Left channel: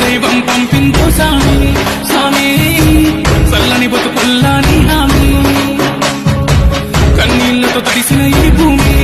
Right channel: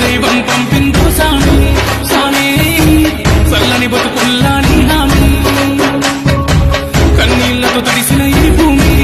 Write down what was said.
దైవం పంపిందో సామి సామి చల్లని బతుకుల్లా నీ హామీ కన్నీళ్లతో తడిసిన ఈ భూమి